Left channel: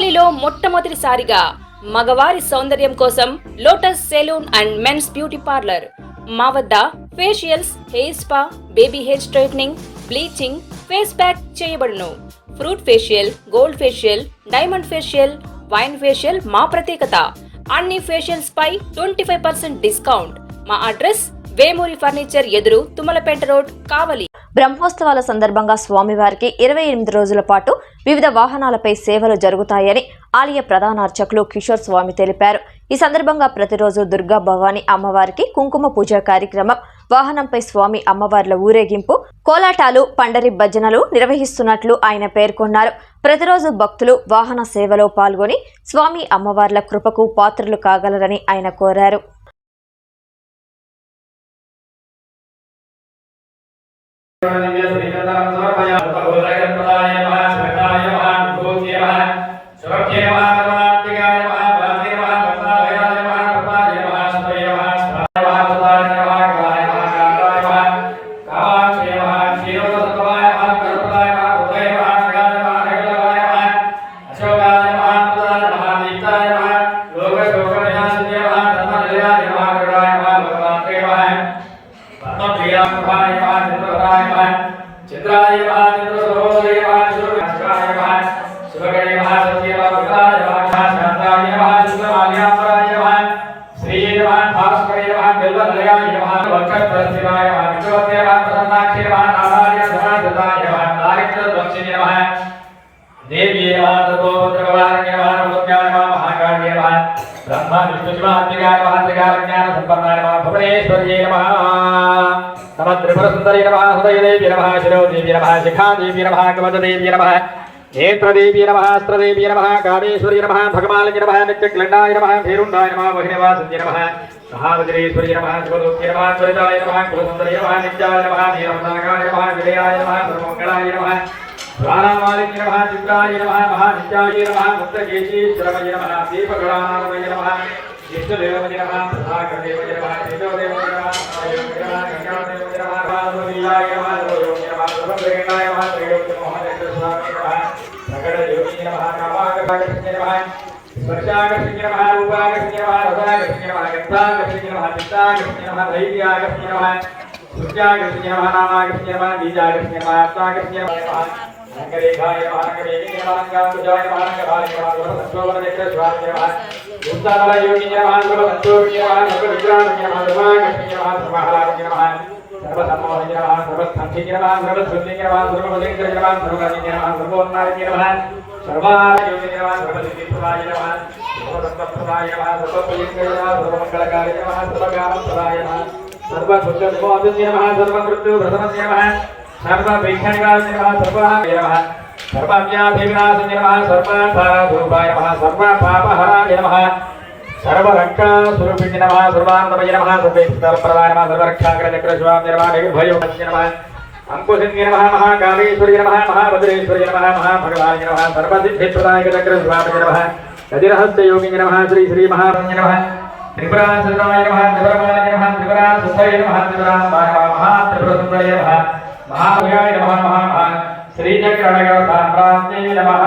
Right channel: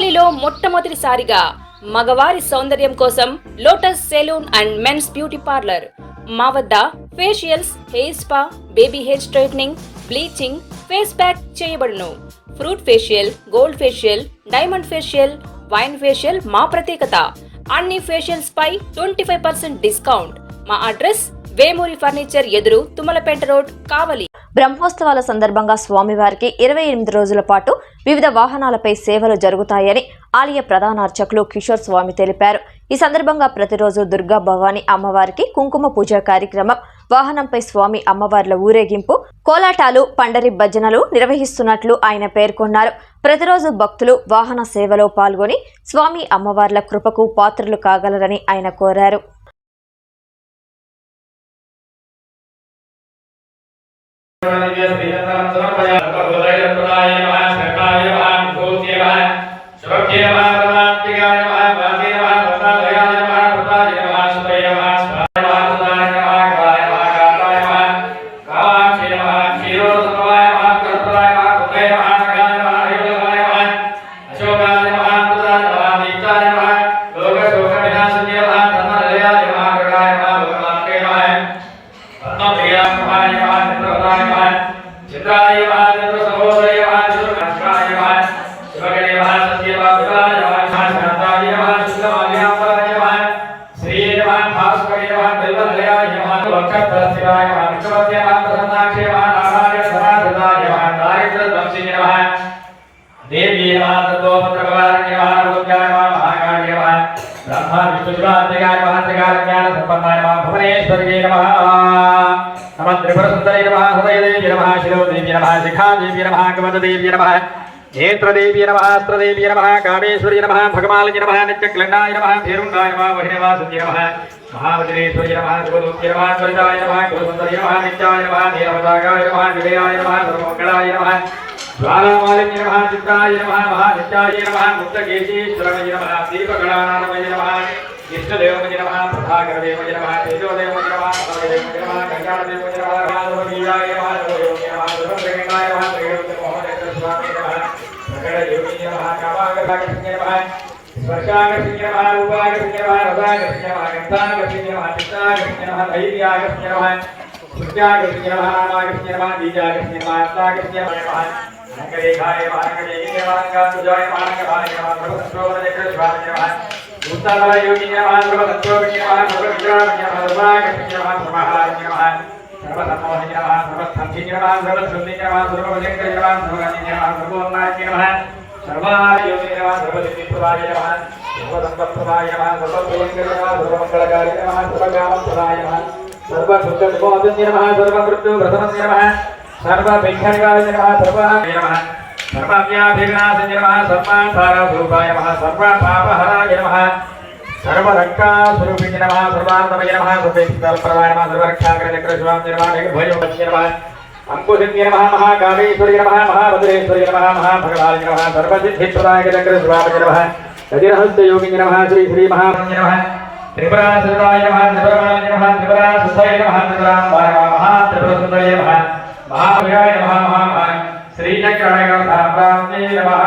కావలిలో మొట్టమొదటిసారిగా మగవారి సౌందర్యం కోసం Lotus salon and men's beauty parlour. మా వద్ద facials, hair spa, baby hair straightening, bleaching, face pack చేయబడును. Fruit facial, gold facial, diamond facial, wine facial మా ప్రత్యేకత. అన్ని ఫేషియల్స్ పై 25% డిస్కౌంట్. మా అడ్రస్ వేమూరి ఫర్నిచర్ ఎదురు, తుమ్మలపేట రోడ్, కావలి. బ్రహ్మోత్సవాల సందర్భంగా స్వామివారికి 28 రోజుల పాటు వివిధ వాహనాలపై సేవలు జరుగుతాయని ఆలయ ప్రధాన అర్చకులు కిషోర్ స్వామి తెలిపారు. ఈ సందర్భంగా ప్రతిరోజు దుర్గా భవాని అమ్మవారికి కుంకుమ పూజ కార్యక్రమం, వాహనంపై స్వామి అమ్మవార్ల ఊరేగింపు, కోలాటాలు, పండరి భజనలు నిర్వహిస్తున్నట్లు ఆయన పేర్కొన్నారు. ప్రతిరోజు భక్తులు వాహన సేవలో పాల్గొని స్వామి అమ్మవార్ల కృపకు పాత్రలు కాగలరని ఆయన కోరారు. ब्रह्मा विष्णु शिवात्मिकाय महात्रिकाय ज्ञान संपन्नाय नमः भुवनेश्वर्यै नमः नमः त्रिपुर सुंदरी नमः हृदय देवी नमः शिरो देवी नमः शिखा देवी नमः कवच देवी नमः नेत्र देवी नमः अस्त्र देवी नमः कामेश्वरी नमः भगमालिनी नमः नित्यक्लण्डाय नमः भैरुण्डाय नमः वहिनीवासुन्यै नमः महावज्रेश्वरी नमः शिवदूत्यै नमः त्वरिताय नमः गुरुसुन्दरी नमः नित्याय नमः नीलमदागाय नमः विजयाय नमः सर्वमङ्गलाय नमः ज्वालामालिन्य नमः चित्राय नमः महानित्याय नमः मुक्तकेशीश्वराय नमः दीपगणानाथमय नमः इष्टदेवमय नमः प्रभाकरदेवमय नमः तेजोदेवमय नमः नमोदेवमय नमः कल्याणदेवमय नमः रामदेवाय नमः सर्वयोगी नमः सर्वगणाय नमः त्रैलोक्य मोहनचक्रस्वामी नमः प्रकटयोगी नमः कामाकर्षण्य नमः स्पर्शाकर्षण्य नमः रूपाकर्षण्य नमः रसाकर्षण्य नमः गन्धाकर्षण्य नमः चित्ताकर्षण्य नमः धैर्याकर्षण्य नमः सूर्याकर्षण्य नमः नामाकर्षण्य नमः बीजाकर्षण्य नमः आत्माकर्षण्य नमः अंकरेखाय नमः अंकरेखाय नमः अंकांकुजाय नमः अंकधाय नमः सर्वसंक्षोभचक्रस्वामी नमः उत्तमयोगी नमः सर्वसंक्षोभि नमः सर्वविग्रहाय नमः सर्वाकर्षण्य नमः सर्वहलाय नमः सर्वसम्मोहय नमः सर्वसंक्षि नमः सर्वशुद्धि नमः सर्ववजंकरि नमः सर्वराज्य नमः सर्वोन्नाय नमः सर्वायोगी नमः सर्वसिद्धिप्रदाय नमः सर्वसंपत्प्रदाय नमः सर्वप्रियंकरि नमः सर्वमंगलकारि नमः सर्वकामप्रदाय नमः सर्वसुखनिवासन्य नमः सर्वमृत्युप्रशमन्य नमः सर्वविघ्ननिवारणाय नमः सर्वाय नमः सर्वव्याधिविनाशाय नमः सर्वार्थारूपाय नमः सर्वपापहराय नमः सर्वरक्षास्वरूपिणे नमः सर्वान्तमय नमः सर्वेश्वरप्रदाय नमः सर्वरक्षाकरचक्रस्वामी नमः निर्भयोपस्य नमः अंकुशन्य नमः महाकालेश्वरी नमः महाभद्रेश्वरी नमः महाभगवाय नमः सर्वसिद्धिप्रदाय चक्रस्वामी नमः हृदयहस्तयोगिने नमः श्री श्री महारण्य नमः त्रिपुरासुराय नमः त्रिपुराय नमः त्रिपुरासुताय नमः त्रिपुराम्बाय नमः महात्रिपुरसुन्दरी नमः महाभयाय नमः महामहान श्रीचक्राय साम्राज्ञे नमः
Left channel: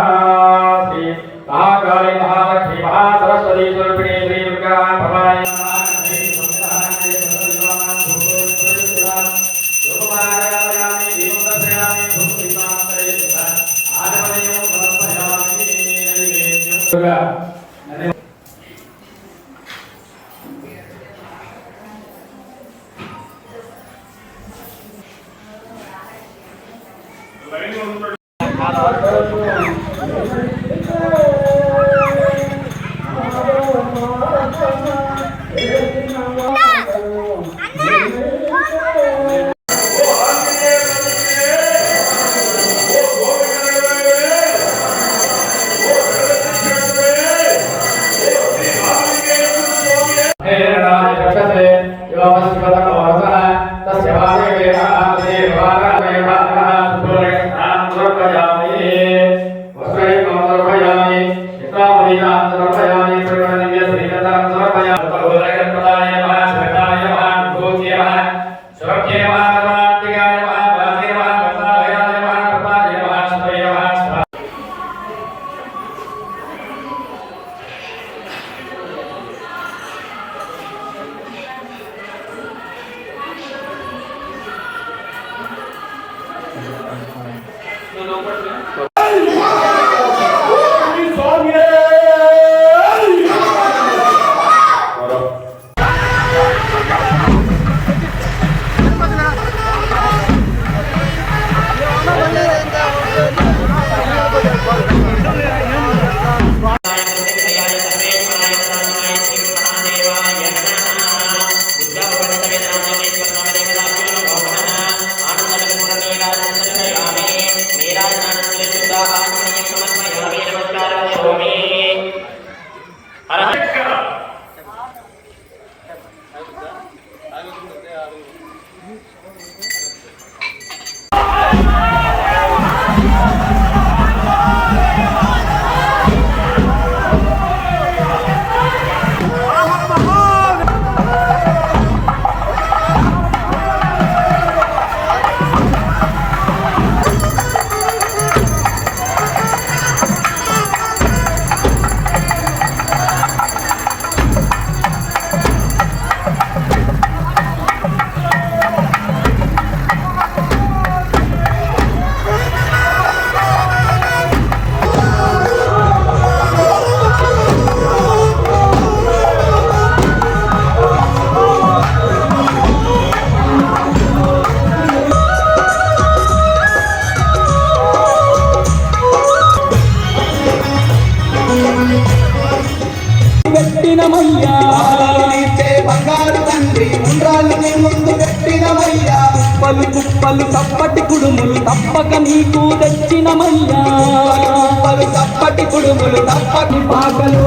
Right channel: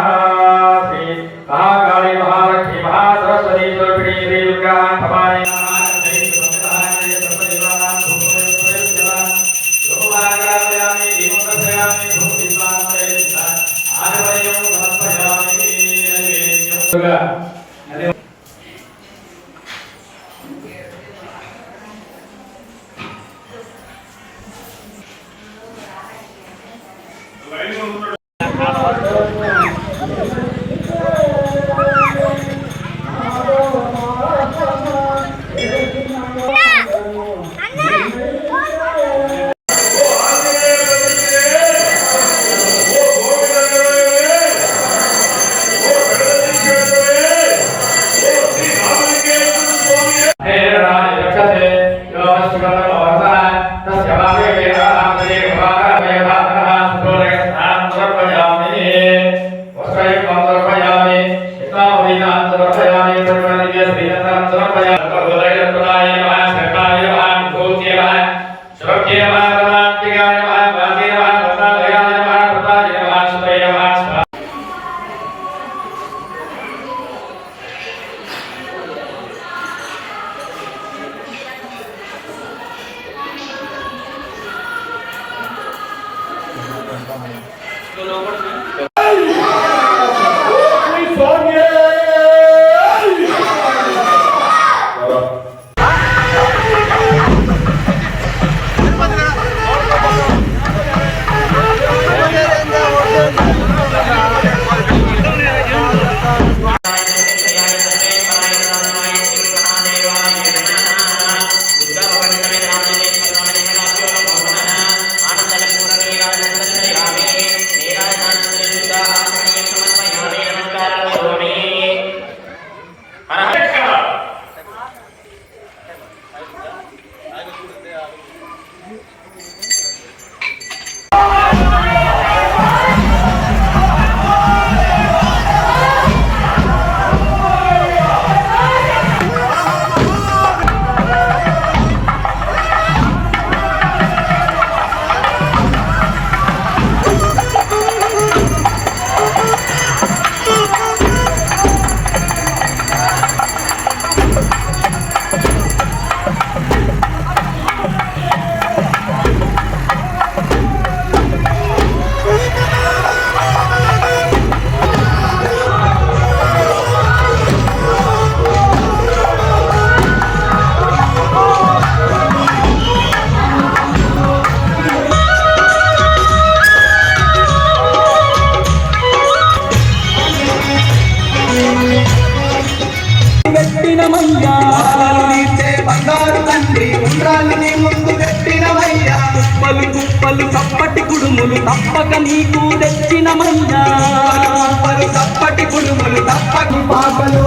श्री महाकाली महालक्ष्मी महासरस्वती स्वरूपिणी श्री दुर्गा भवाय नमः श्री संग्रहाय सर्वजीवानां धूपोपरिष्यवान् धूपाराधयामि दीपप्रज्वलयामि धूपदीपान्तरेण आर्वयं समर्पयामि नैवेद्यं కుడుములు తప్పక నీకు తెచ్చినమయ్యా తప్పటి కుడుములు తప్పటి పాపలు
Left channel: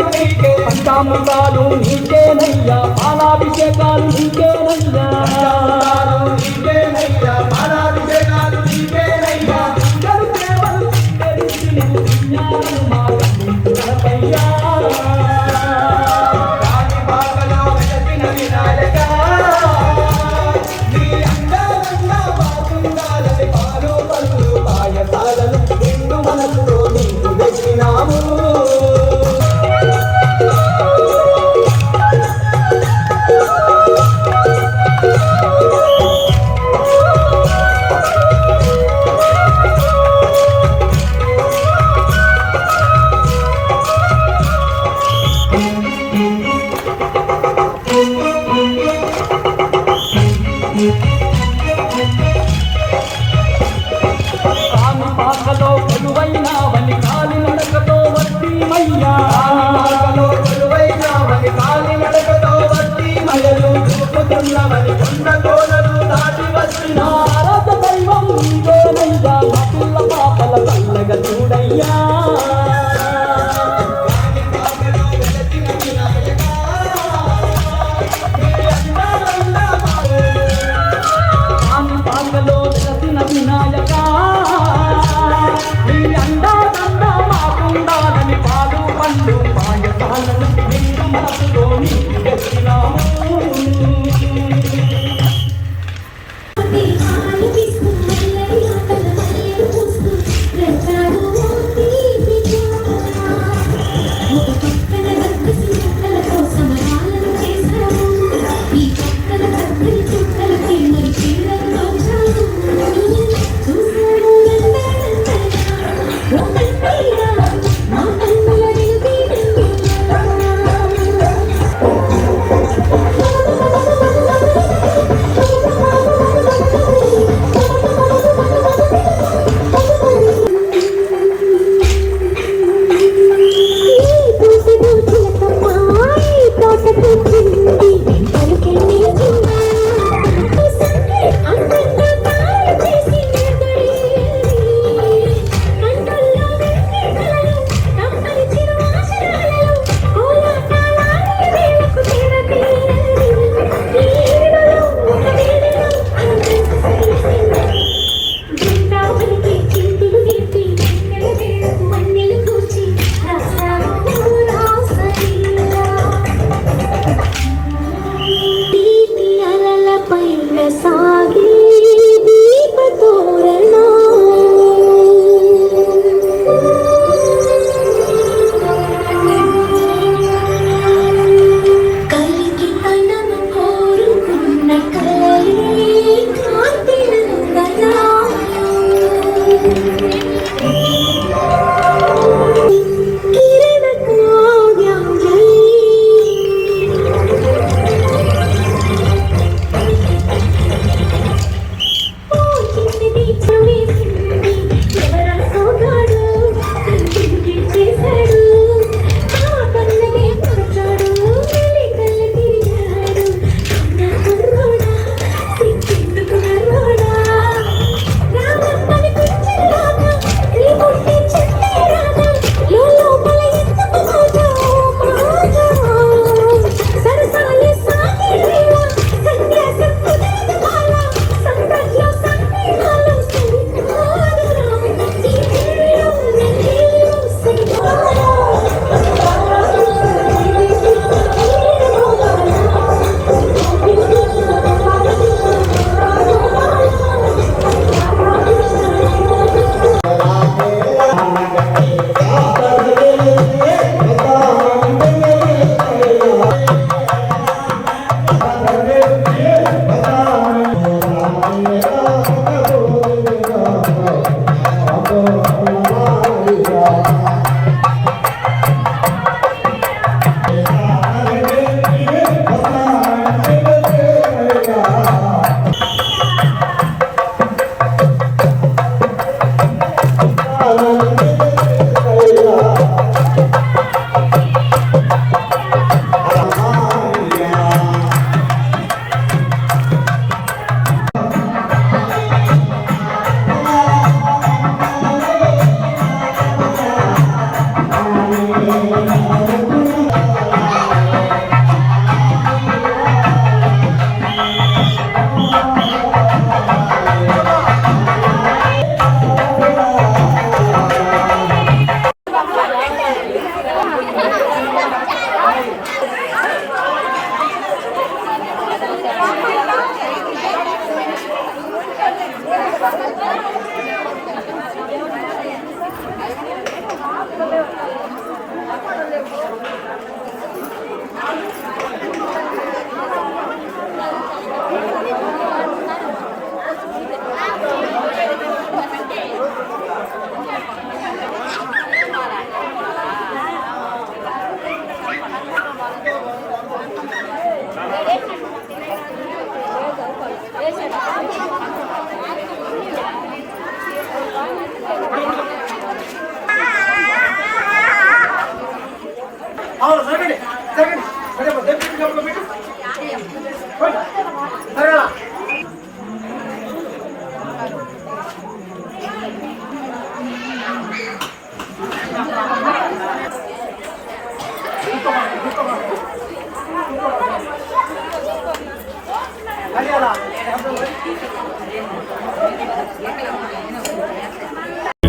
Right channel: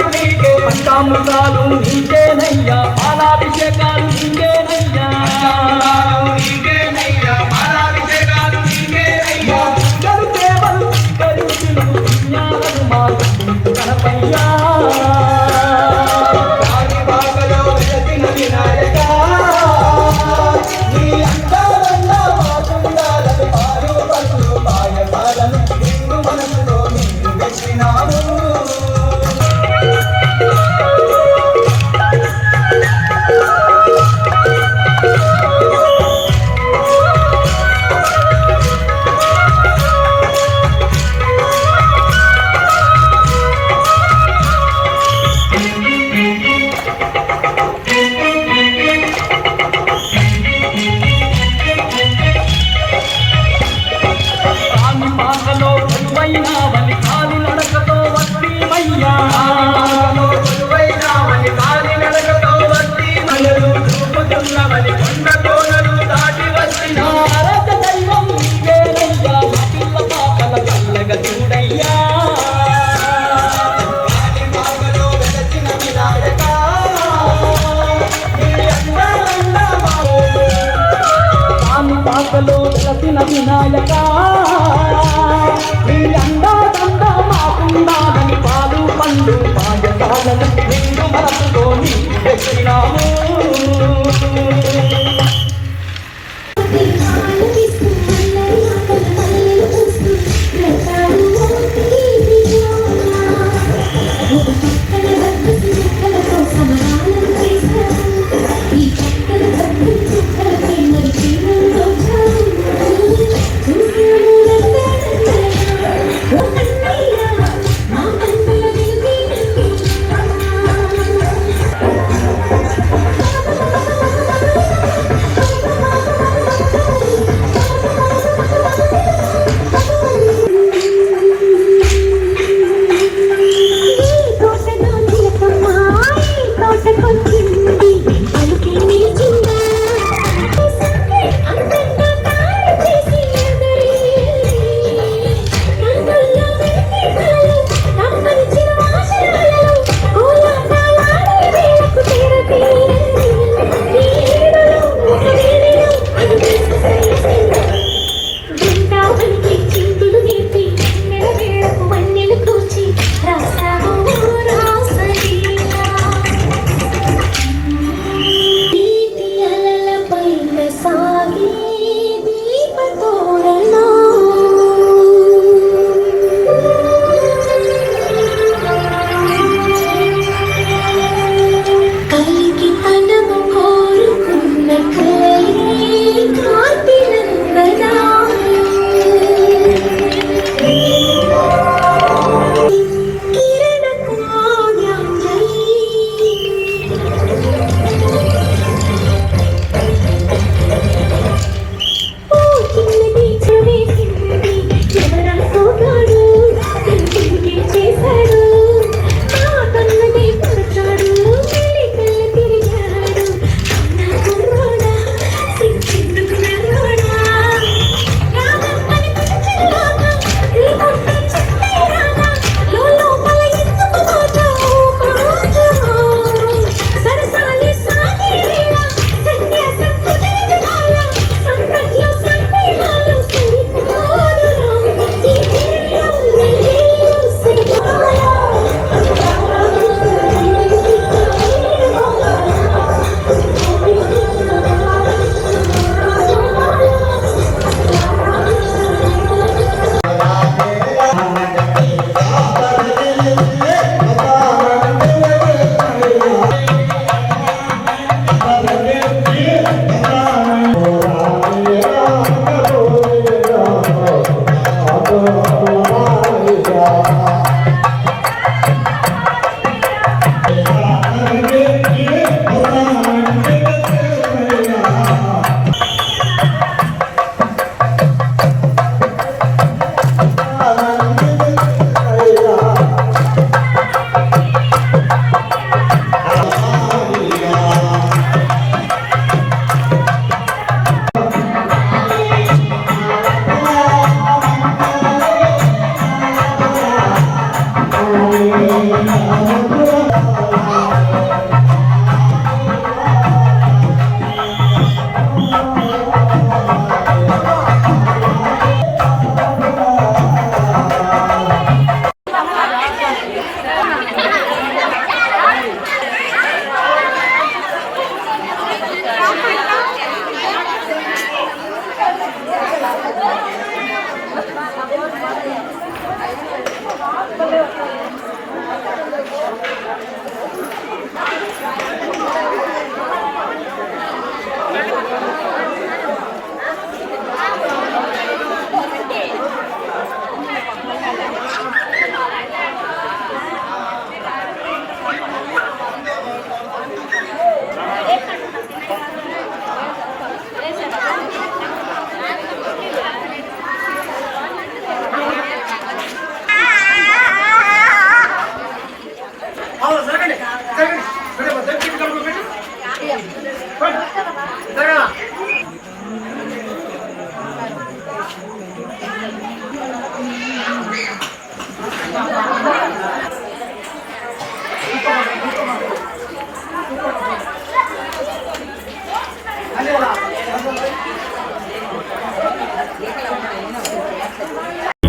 పూజలు నీకే పంచామృతాలు నీకేనయ్యా పాలాభిషేకాలు నీకేనయ్యా నీకేనయ్యా పాలాభిషేకాలు నీకేనయ్యా పూజలు సేవలు కరుణలు పుణ్యాలను మాకు గణపయ్యా రాజబాగలో వెలసిన వినాయకా నీ అందాలన్నా మాకుండాలని పాలు పలుకులు పాయసాలను నిన్ను మనసులో నిన్ను పెట్టినాము స్వామి పాటలో మధువైనావని కాలి నడకతో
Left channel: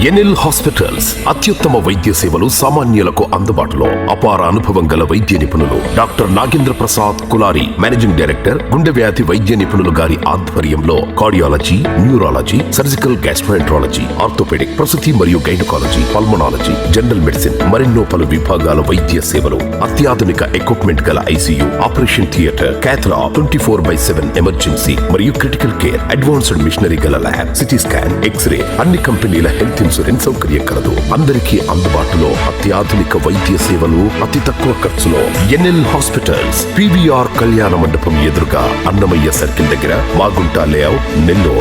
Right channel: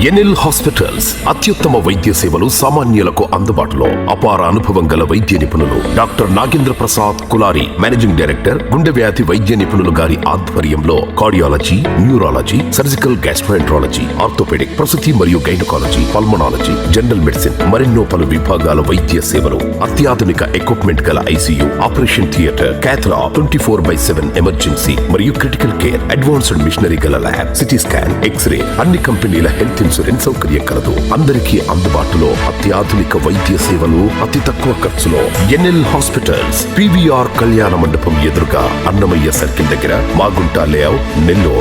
ఎన్ఎల్ హాస్పిటల్స్ అత్యుత్తమ వైద్య సేవలు సామాన్యులకు అందుబాటులో. అపార అనుభవం గల వైద్య నిపుణులు doctor Nagendra Prasad Kulari, managing director, గుండె వ్యాధి వైద్య నిపుణులు గారి ఆధ్వర్యంలో cardiology, neurology, surgical gastroenterology, orthopaedic, ప్రసూతి మరియు గైనకాలజీ, పల్మనాలజీ, జనరల్ మెడిసిన్ మరెన్నో పలు విభాగాల వైద్య సేవలు. అత్యాధునిక ఎక్విప్మెంట్ గల ఐసీయూ, ఆపరేషన్ థియేటర్, క్యాథ్లా, 24/7 ఎమర్జెన్సీ మరియు క్రిటికల్ కేర్, అడ్వాన్స్డ్ మిషనరీ గల ల్యాబ్, సిటీ స్కాన్, ఎక్స్రే, అన్ని కంపెనీల హెల్త్ ఇన్సూరెన్స్ సౌకర్యం కలదు. అందరికీ అందుబాటులో అత్యాధునిక వైద్య సేవలు అతి తక్కువ ఖర్చులో. ఎన్ఎల్ హాస్పిటల్స్, పివిఆర్ కళ్యాణ మండపం ఎదురుగా, అన్నమయ్య సర్కిల్ దగ్గర, మాగుంట లేఅవుట్, నెల్లూరు.